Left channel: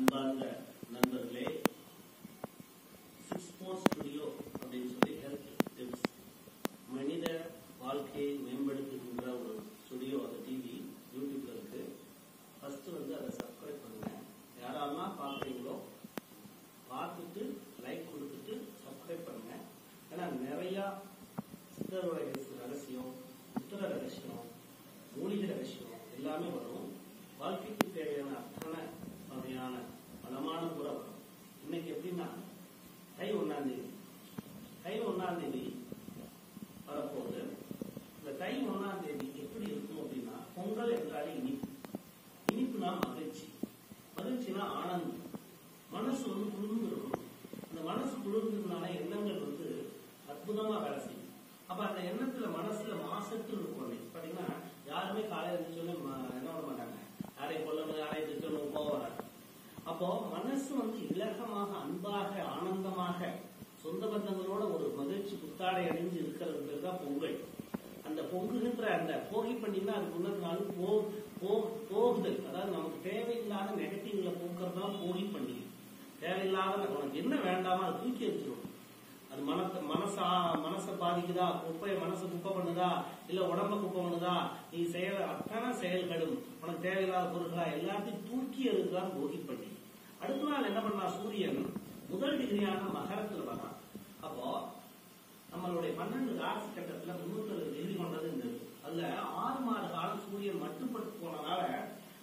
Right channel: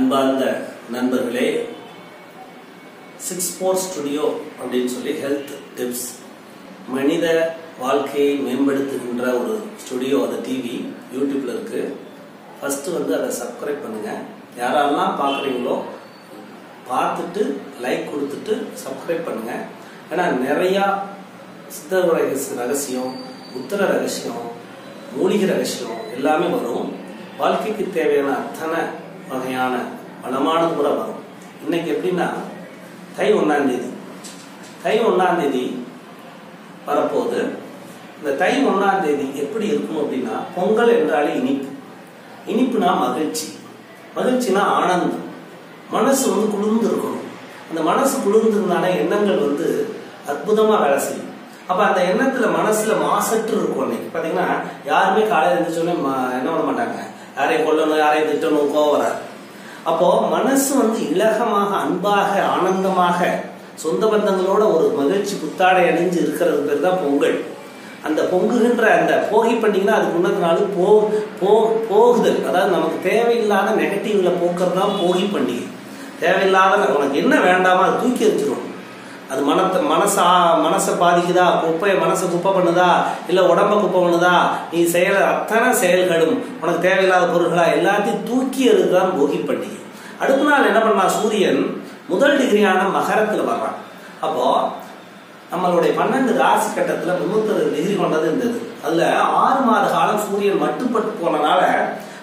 அன்பார்ந்த நண்பர்களே, 6-4 ஸ்டுடியோ அப்படின்னு சொல்லி ஹெல்த் டிப்ஸ், மனித வாழ்க்கையை மேம்படுத்துகின்ற ஒரு ஸ்டுடியோ. அது டிவி யூடியூப்ல இருக்கு. ஃபர்ஸ்ட் அதை சப்ஸ்கிரைப் பண்ணுங்க. யாரெல்லாம் பார்க்குறீங்களோ பார்த்துட்டு லைக் கொடுத்துட்டு சப்ஸ்கிரைப் பண்ணுங்க. ஏன்னா நிறையா சித்த ரகசியம், புத்தர ரகசியம், மூலிகை ரகசியம் எல்லாமே வரும். வாழ்க்கைக்கு தேவையான அத்தனை வகையான வளமானது கூட வரும். இன்னைக்கு எப்படின்னா தை 1ஆம் தேதி வரப்போகுது. இந்த தை 1ஆம் தேதி எப்படி இருக்கும் அப்படின்னா, பொங்கல் என்றாலே இனிப்புனா மகிழ்ச்சினா ஆனந்தம். மனசு குளிர்ந்து இருக்கணும். அந்த மனசு குளிர்ந்துருந்தாலே எண்ணங்கள் அற்புதமா வேலை செய்யும். அப்ப அந்த எண்ணத்துல மனசுல மாசற்று இருக்கும். அன்னைக்கு பாத்தீங்கன்னா யாருமே காலையில எழுந்திரிச்சோன்னே என்ன பண்ண மாட்டாங்க, யாரையும் கொல்லணும், யாரையும் திட்டணும், கோவம் வராது. அப்போ மனசு இலகமாக, அன்பாக, ஆனந்தமாக, சொந்த பந்தங்களோட ஒரு மகிழ்ச்சி புத்தாடை அணிஞ்சு இருக்கிறது பேர் தான் பொங்கல். அந்த பொங்குகின்ற அந்த போகி பண்டிகைனா அதுக்கு முன்னத்து நாள் போகுதல், அதாவது நமக்கு தேவையில்லாத நெகட்டிவ்ல போக்குறது தான் போகி பண்டிகை. தேவையில்லாத உனக்கு என்ன வேண்டாமோ அதை தூக்கி எறிஞ்சிடும். அது மனசை பாதிக்குதா, மனசை குப்பை பண்ணுதா, இல்ல உடம்ப குப்பை பண்ணுதா, நீ செய்யற அத்தனை செயல்களும் உனக்கு தேவையில்லாத பொருட்களா எல்லாத்தையும் தூக்கி எறிதான் போகி பண்டிகை. அடுத்த நாள் என்ன பண்ணா, சூரியன் முதல் டிகிரியான மகரத்துல வர்றான். அப்போ நம்மளுடைய 12 ராசி கட்டத்துல 360 டிகிரி கொண்டது இருந்தது. அதுல 6 மாத காலம் சூரியன் மட்டுப்பட்டு போனனால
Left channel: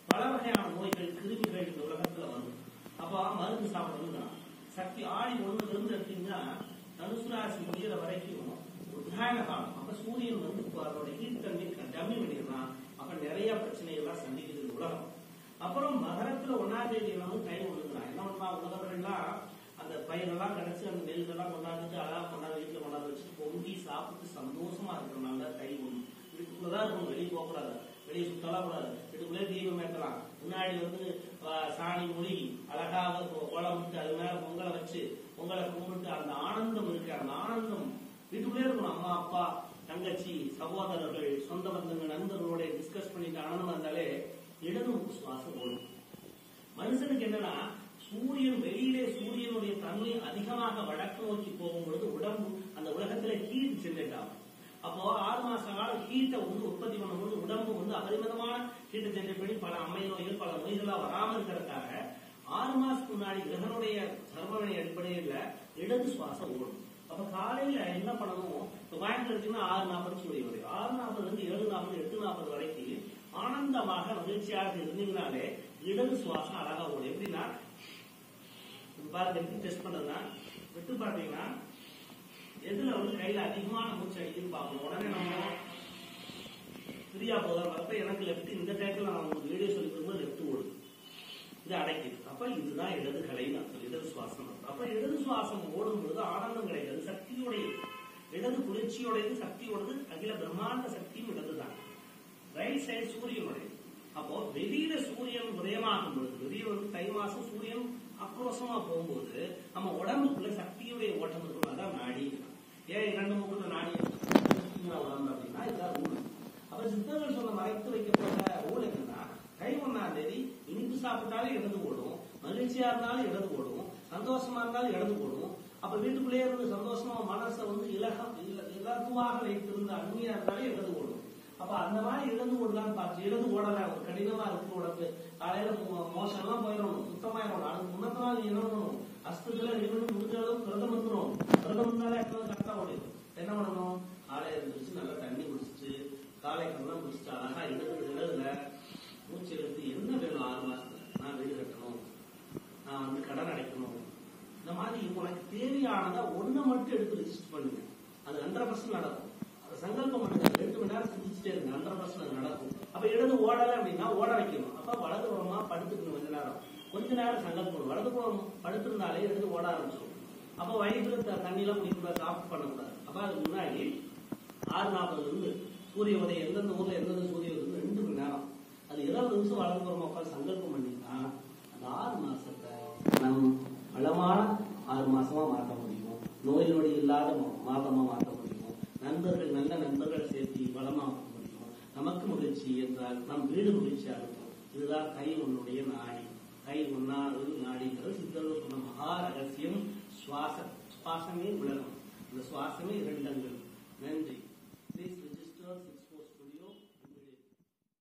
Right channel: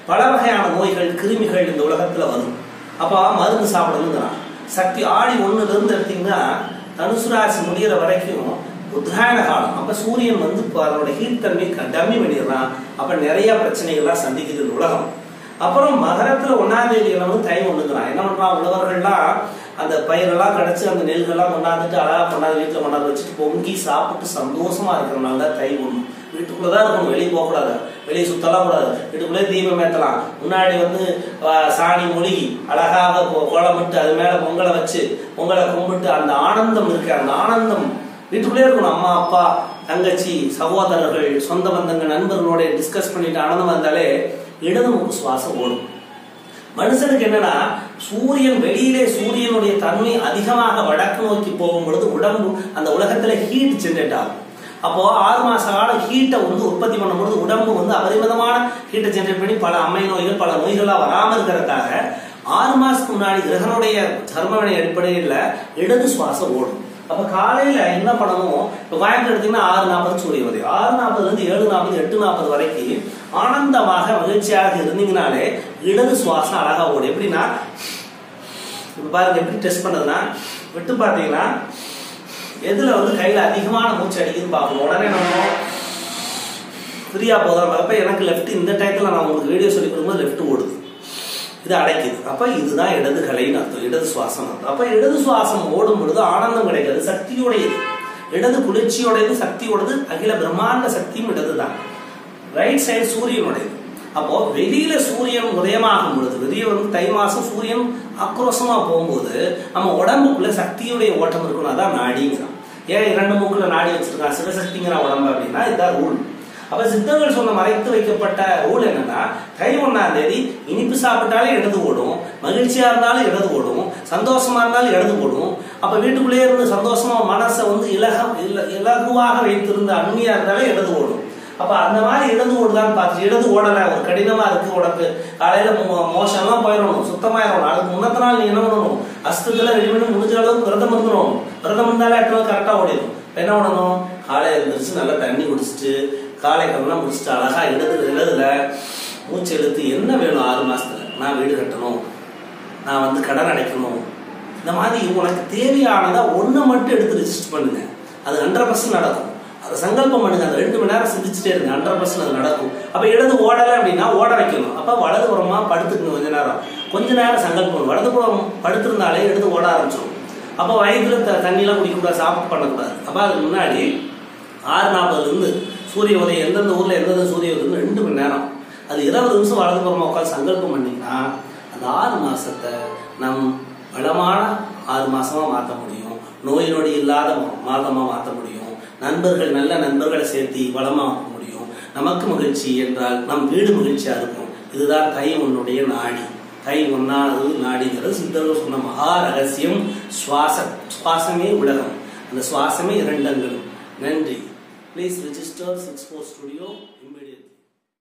பல வகையான நோய்கள், கிருமிகள் இந்த உலகத்துல வரும். அப்ப மருந்து சாப்பிடணுங்கிறான். சக்தி ஆடி 1ல இருந்து எடுத்தீங்கன்னா தனுசு ராசி முடிகிற வரைக்கும் உத்தராயண காலம். அப்ப சூரியன் அதோட ஹீட் தன்மை டம்மி பண்ணிடுறான். அப்ப நிறைய பிரச்சனைகள்லாம் சந்திக்குது உலகம். அப்புறம் மகரத்துல 1ஆம் தேதி தை 1ங்கிறான். என்ன பண்றான், உழவர்கள்லாம் அந்த பயிரெல்லாம் கிடைச்சு அந்த நெல்கள்லாம் கொண்டாந்துட்டு அழகா கொண்டாந்து வீட்டுல கொண்டாந்து வச்சுட்டு பொங்கி சாப்பிட்டு சந்தோஷமா இருக்கிறனால தான் தை 1. வீட்டுக்குள்ளதான் இருக்கணும், வெளியே போகக்கூடாது, வெளியே சுத்தலாம் கூடாது, வீட்டுக்குள்ளே தீபம் ஏற்றலாம். முன்னாடி சாணி மொழிகி அழகாக கோலமிட்டு அது மேல பொங்கலை வச்சு பொங்கலை கும்பிட்டு அந்த ஆனந்தம் இருக்கு. அந்த ஆனந்தம் வீட்டுக்குள்ளே இருக்கணும். அம்மா, அப்பா, தங்கச்சி, சகோதரர்கள், சொந்த பந்தங்கள், நண்பர்களோட டிஸ்கஸ் பண்ணிட்டு ஆனந்தம் வந்தாலே இடது மூக்கு சுவாசம் ஓடும். மனுஷனுக்கு என்னன்னா, சூரியனுடைய தன்மை அதிகமாக வடக்கு நோக்கி போகும் பொழுது உடம்பு அந்த உலகத்துல ஹீட் ஜெனரேட் ஆகும். அப்போ 6 மாச காலம் ஹீட்டை உற்பத்தி பண்ணும்போது உடம்பு அபரிமிதமான ஹீட்டை ஜெனரேட் பண்ணி பல அம்மை நோய்கள், பல நோய்களா வராம இருக்கிறதுக்காக 6 மாசத்துக்கு முன்னாடி கிரகனுடைய தர்மவினை அடிப்படையில் இடது சுவாசம் ஓடும். அப்ப காலையில என்ன பண்ணணும், இப்ப கோயம்புத்தூர் எடுத்தீங்கன்னா 6:40 சூரிய உதயம், 6:40 இருந்து 7:40, 8:40 வரைக்கும் ஆனந்தமாக மகிழ்ச்சியாக இருந்தீங்கனாலே இடது சுவாசம் அழகா ஓடும். எப்படின்னா இப்ப பாருங்க, எப்படி டெஸ்ட் பண்ணதுன்னா, விட்டு பார்த்தீங்கன்னா எதுல கையில அதிகமான மூச்சு அடிக்குதுன்னு பார்க்கணும். உடனே நம்ம ஃப்ரீயா போதும். அப்ப எனக்கு லெஃப்ட் இந்த டைத்துல நான் உங்களுக்கு வீடியோ சொல்லி கொடுக்கும்போது லெஃப்ட் ஓடுது, இது அடைக்குது. அப்ப இதுதான் இடது கலைன்னு அர்த்தம், இடது சுவாசம் அர்த்தம். அப்ப இடது சுவாசம் ஓடும் பொழுது ஆனந்தம் கிடைக்கிறது, சக்தியோடையது. இடது குளிர்ச்சியோடையது, சக்தியோடது. அகில பிரம்மாண்ட சக்தியும் இடதுதான். Right side சூரியனுடையது. அப்போ வெளியில சூரியன் உதயமாகும் பொழுது, வெளியே தை மாசம் சூரியன் ஆக்ரோஷமா போகும்போது நம்ம உடம்புக்குள்ள சக்தியுடைய ஓட்டம் இருக்கணும். அதான் நாடிங்கிறான். ஏன் 2 மூக்குல நாடி வச்சிருக்கான், சிவசக்திங்கிறான் உடம்பு அப்படின்னா இதுதான் ரூல். அப்ப சித்தர்கள் சொன்ன மறைத்து வைக்கப்பட்ட ரூல் என்னன்னா, தை 1ஆம் தேதி இனிப்பு சாப்பிட்டாலே இடது ஓடும், மகிழ்ச்சியா இருந்தாலும் இடது ஓடும், சந்தோஷமா இருந்தாலும் இடது ஓடும். அப்ப வீட்டுக்குள்ளேயே இருந்து சந்தோஷமா மனசை இலகுவாக வைத்திருந்த அன்மையா இருந்தாலே இடது ஓடும். அப்ப அந்த மாதிரி இடது ஓடுதான் பார்த்து, இடது ஓடல ஒரு கடினமா இருக்கு உனக்கு, காலையில மோஷம்லாம் போயிடணும், சுத்தமாயிடணும். அதுக்கு முன்னத்த நாள் நீ என்ன பண்ணணும், அஸ்தத்துல ரெடி பண்ணி முடிஞ்ச அளவுக்கு விரதம் இருந்துடும். விரதம் இருந்தாலே கரெக்டா ஓடிடும். என்ன பண்ணணும், காலையில எழுந்திரிச்சு நல்லா தண்ணி குடிச்சிட்டு காலை கடலாம் முடிச்சுட்டு அழகா இடதுல மூச்சு எழுத்து என்ன வேணும், 6 மாசத்துல நான் வீடு கட்டணும், நான் கடன் அடைக்கணும், இந்த மாதிரி உனக்கு தேவையானதா ஒண்ணு மட்டும் எடுத்து ரிஜிஸ்டர் பண்ணுங்க. அது 100% நடக்கும். அதை சங்கல்பம் பண்ணுங்க. அந்த 2 மணி நேரம் சிந்திச்சுட்டே இருங்க, 100% அது நடக்கும். அப்ப இடது ஓடலை அப்படின்னா ஓட வைக்கணும். அப்ப வலதுபுறமா படுத்துக்கணும். கொஞ்ச நேரம் சங்கல்பம். வலதுபுறம் படுத்திருந்தாலே இடது ஓட ஆரம்பிச்சிடும். அப்ப வயிற்றுல தண்ணியெல்லாம் குடிக்கக்கூடாது, சாப்பிட்டு பண்ணக்கூடாது. அப்ப அதுக்கு முன்னாடி 6:40 இருந்து சூரிய உதயம், எந்தெந்த ஊர்ல எந்தெந்த சூரிய உதயம் 2 மணி நேரம், அது 20 நிமிஷம் வலதுபுறமா உட்காந்து சங்கல்பம் பண்ணீங்கன்னா அந்த 6 மாசத்தை நம் வளமான 6 மாசமா மாற்ற முடியும். நோய் நொடி இல்லாத மாதமா மாற்ற முடியும். நல்ல நண்பர்களை சேர்த்து வளமாக்க முடியும். நமக்கு மகிழ்ச்சி என்றால் நம் வீடு மகிழ்ச்சியா இருக்கும். இதுதான் தை 1 நாடி. கை ஒன்னாவது நாடிங்கிறது சித்தர்கள் சொன்ன மகா ரகசியம். சுவாசமே உலகம், அந்த சுவாசமே இரண்டங்கள். நன்றி. Please register 64 Studio.